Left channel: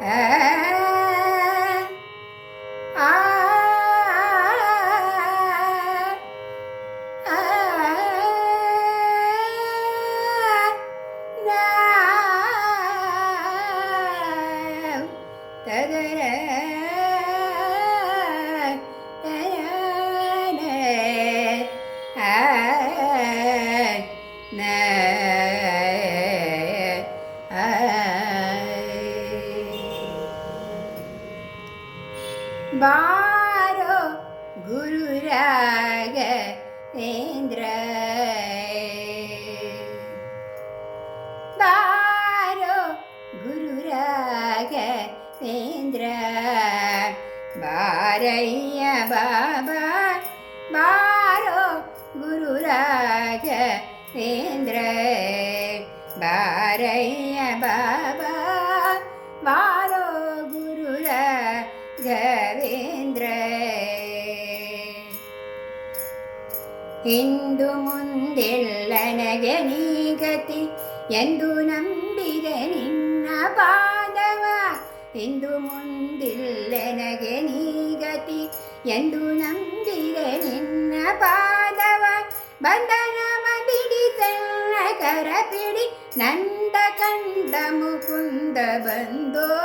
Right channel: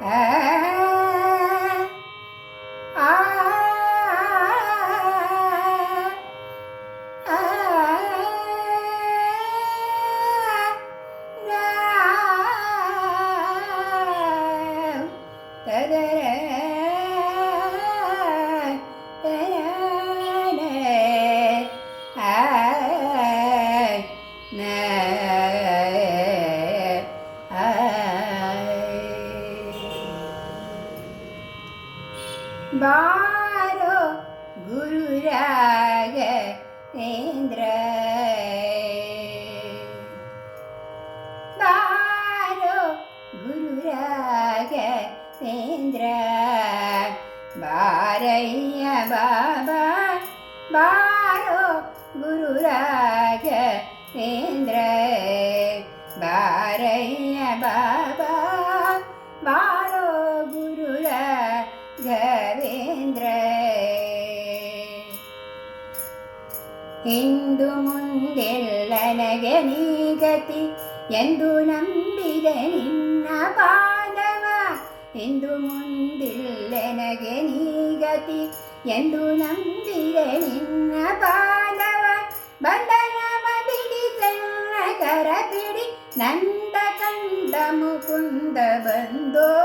Ah. யாரோ Guru Raghavendra பாரோ Guru Raghavendra பாரைய பாபா பாரோ குருராக வேந்திர ನೀಗತಿ ಎಂದು ನಂಬಿದೆ ನಿನ್ನ ಪಾದವ. ಎಂದು ಮುಂದಿಲ್ಲ ನನಗೆ ನೀಗತಿ ಎಂದು ನಂಬಿದೆ ನಿನ್ನ ಪಾದವ. ಬಂಧನವ ಬಿಡಿ ಸಣ್ಣ ಕರ ಬಿಡಿ ನಂದ ಕಂಡ ಮುಕುಂದ ಬಂದೋ.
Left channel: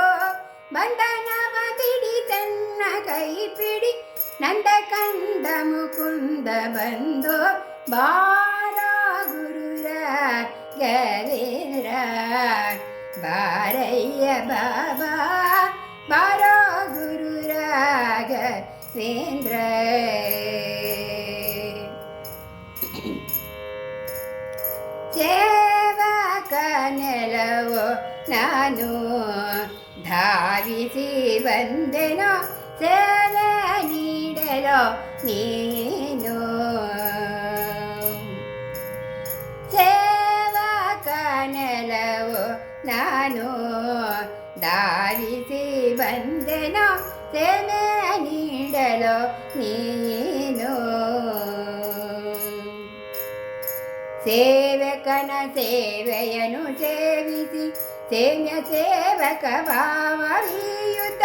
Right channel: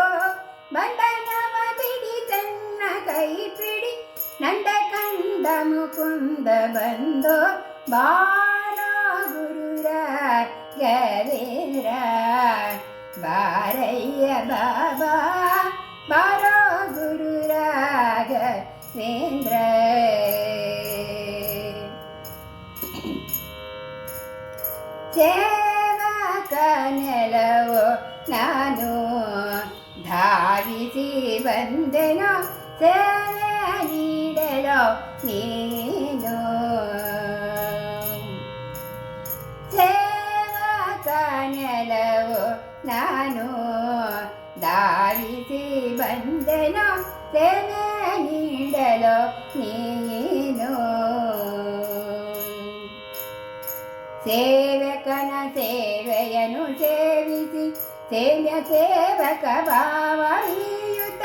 ಬಂಧನವ ಬಿಡಿ ಸಣ್ಣ ಕೈ ಬಿಡಿ ನಂದ ಕಂಡ ಮುಕುಂದ ಬಂದೋ. ಗುರುರ ಗವೇಂದ್ರ ಬಾರಯ್ಯ ಬಾಬಾ ಬಾರೋ ಗುರು ರಾಘವೇಂದ್ರ ಸೇವಕನೆಲವೋ ನಾನು ಧಾವಿಸಿ ಬಂದೆನೋ ಸೇವೆ ನೀಡಲೋ ನೀನು ನಾನು ಧಾವಿಸಿ ಬಂದೆನೋ ಸೇವೆ ನೀಡಲೋ ನೀನು ಸೇವಕನ ಸೇವೆಯನ್ನು ಸೇವಿಸಿ ಸೇವ್ಯ ಸೇವಕ ಭಾವೀಯುತ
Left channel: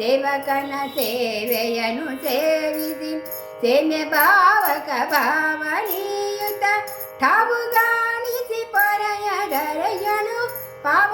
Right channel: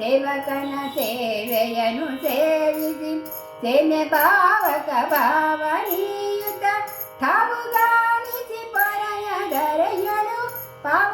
ಸೇವಕನ ಸೇವೆಯನ್ನು ಸೇವಿಸಿ ಸೇಮ್ಯ ಭಾವಕ ಭಾವನೀಯುತ ಠಾವು ಗಾಣಿಸಿ ಪರಯ ದರೆಯನು ಪಾವನಾತ್ಮಕ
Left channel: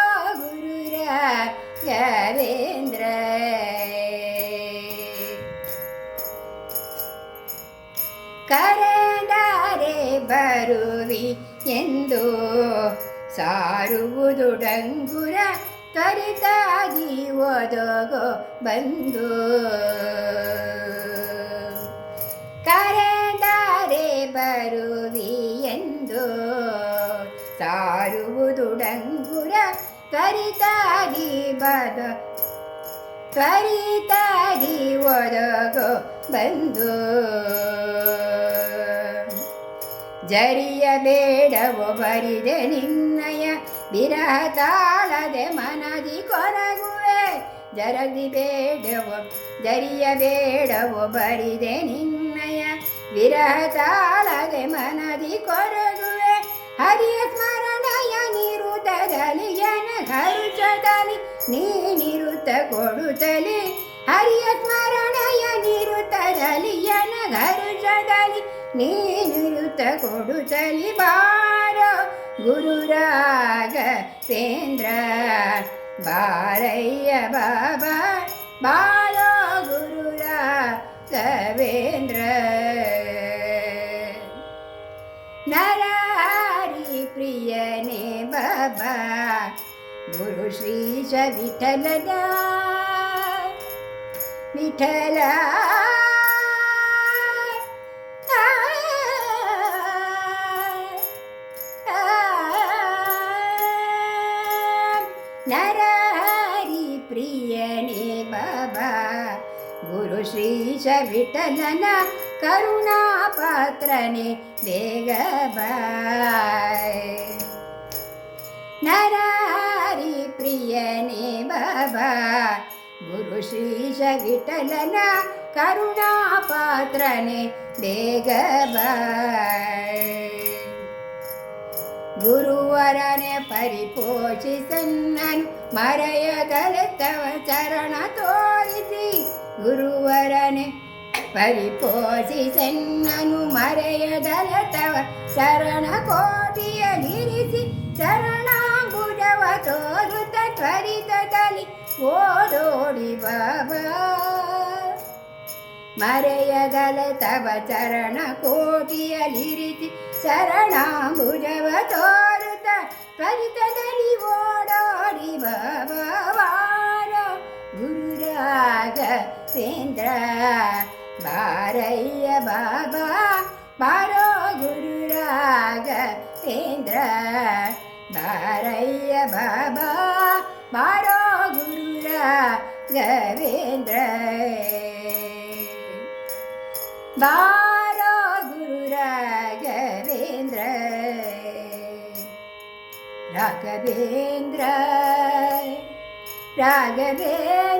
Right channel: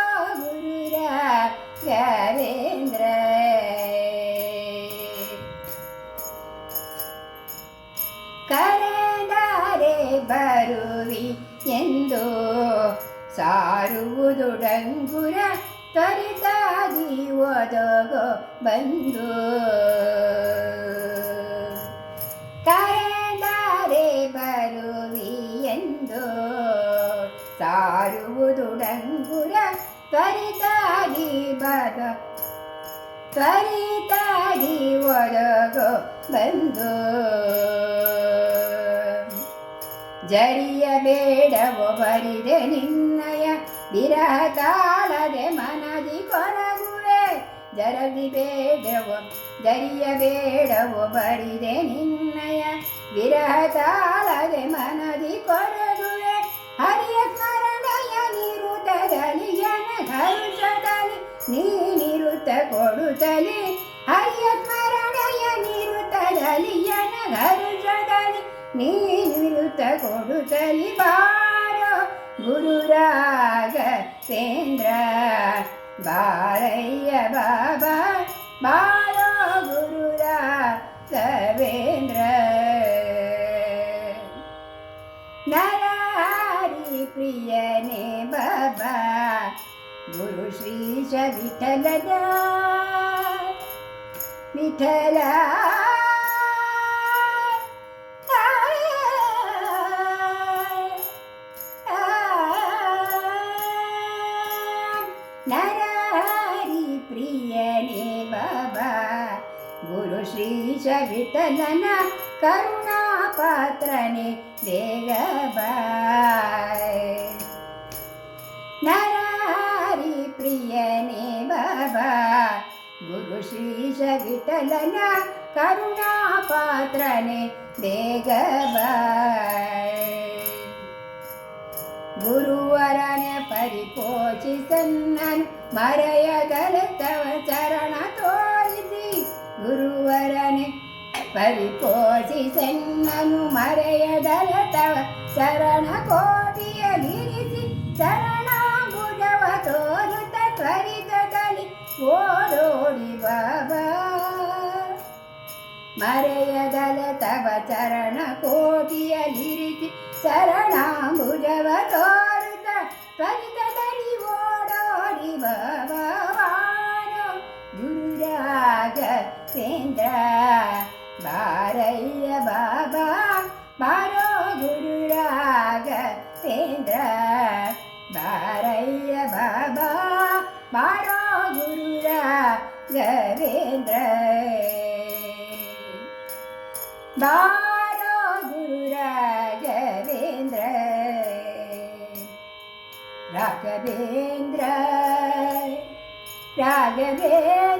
ಎಂದು ಸಾರುವುದು ಡಂಗುರ ತರಿತಾಗಿ ಒದಗೋ ಬಂದು. ಕರೆದಾರೆ ಬರುವಿ ಎಂದು ಸಾರುವುದು ಡಂಗುರ ಕರಿತಾಗಿ ಬದ ಕರಿತಾಗಿ ಒದಗೋ ಬಂದು. ಜರಿಯಬೇಡವೋ ಬರಿದೆ ನಿನ್ನಯ ವಿರಹ ತಾಳದೆ ಮನದಿ ಕೊರಗುವೆ. ಜರಗಿ ಬೇಡವೋ ಜರಿಯಬೇಡವೋ ಬರಿದೆ ನಿನ್ನಯ ವಿರಹ ತಾಳದೆ ಮನದಿ ಕೊರಗುವೆ. ಹರಿಯ ಸ್ಮರಣಯ ನಿರುತದಲ್ಲಿ ಜನ ಘರುಚದಲ್ಲಿ ನೀನಿರುತ್ತ ಕೊಡುತ್ತಲಿ ಹರಿಯ ಸ್ಮರಣಯ ನಿರುತದಲ್ಲಿ ಜನ ಘರುಚದಲ್ಲಿ ನೀನಿರುತ್ತ ಕೊಡುತ್ತಲಿ ಬಾರೋ ಗುರುರಾಘವೇಂದ್ರ ಬಾರಯ್ಯ ಬಾಬಾ ಬಾರೋ ಗುರುರಾಘವೇಂದ್ರ ನರಾರಿ ಪ್ರಿಯನೇ ಬಾಬಾ ಗುರು ಶ್ರೀಶ ವಿಠಲದ ವಿಠಲ ನರಹರಿ ಪ್ರಿಯನೇ ಬಾಬಾ ಗುರು ಶ್ರೀಶ ವಿಠಲನ ಕರುಣಾ ಪಾತ್ರನೇ ಬೇಗ ಬಾಯ್ ಪ್ರಿಯನೇ ಬಾಬಾ ಗುರು ಶ್ರೀಶ ವಿಠಲನ ಕರುಣಾ ಪಾತ್ರನೆ ಬೇಗ ಬಾ ಗುರುವರನೆ ಪರಿಪೋಷಿಸನ್ನನ್ ಮರೆಯ ತವ ಚರಣ ತೋರಿಸಿ. ಗುರುವರನೆ ಪರಿಪೋಷಿಸನ್ನನು ಮರೆಯದಲೆ ತವ ಶರಣ ಕೋಟಿಯಲಿರಿಸಿ ಶರಣಾಂಬುಜವ ತೋರುತ ತ್ವರಿತದಲ್ಲಿ ಓಡೋಡಿ ಬಾಬಾ. ಮರೆಯ ತವ ಚರಣ ಕೋಟಿಯಲಿರಿಸಿ ಶರಣಾಂಬುಜವ ತೋರುತ್ತ ತ್ವರಿತದಲ್ಲಿ ಓಡೋಡಿ ಭಗವಾನ ಗುರುರಾಗ ಸೇಂದ್ರ ಬಾರಯ್ಯ ಬಾಬಾ ಬಾರೋ ಗುರುರಾಗ ಸೇಂದ್ರ ಬಾರಯ್ಯ ಬಾಬಾ ಬಾರೋ ಗುರುರಾಘವೇಂದ್ರ ಬಾರೋ राघवेन्द्र राघवे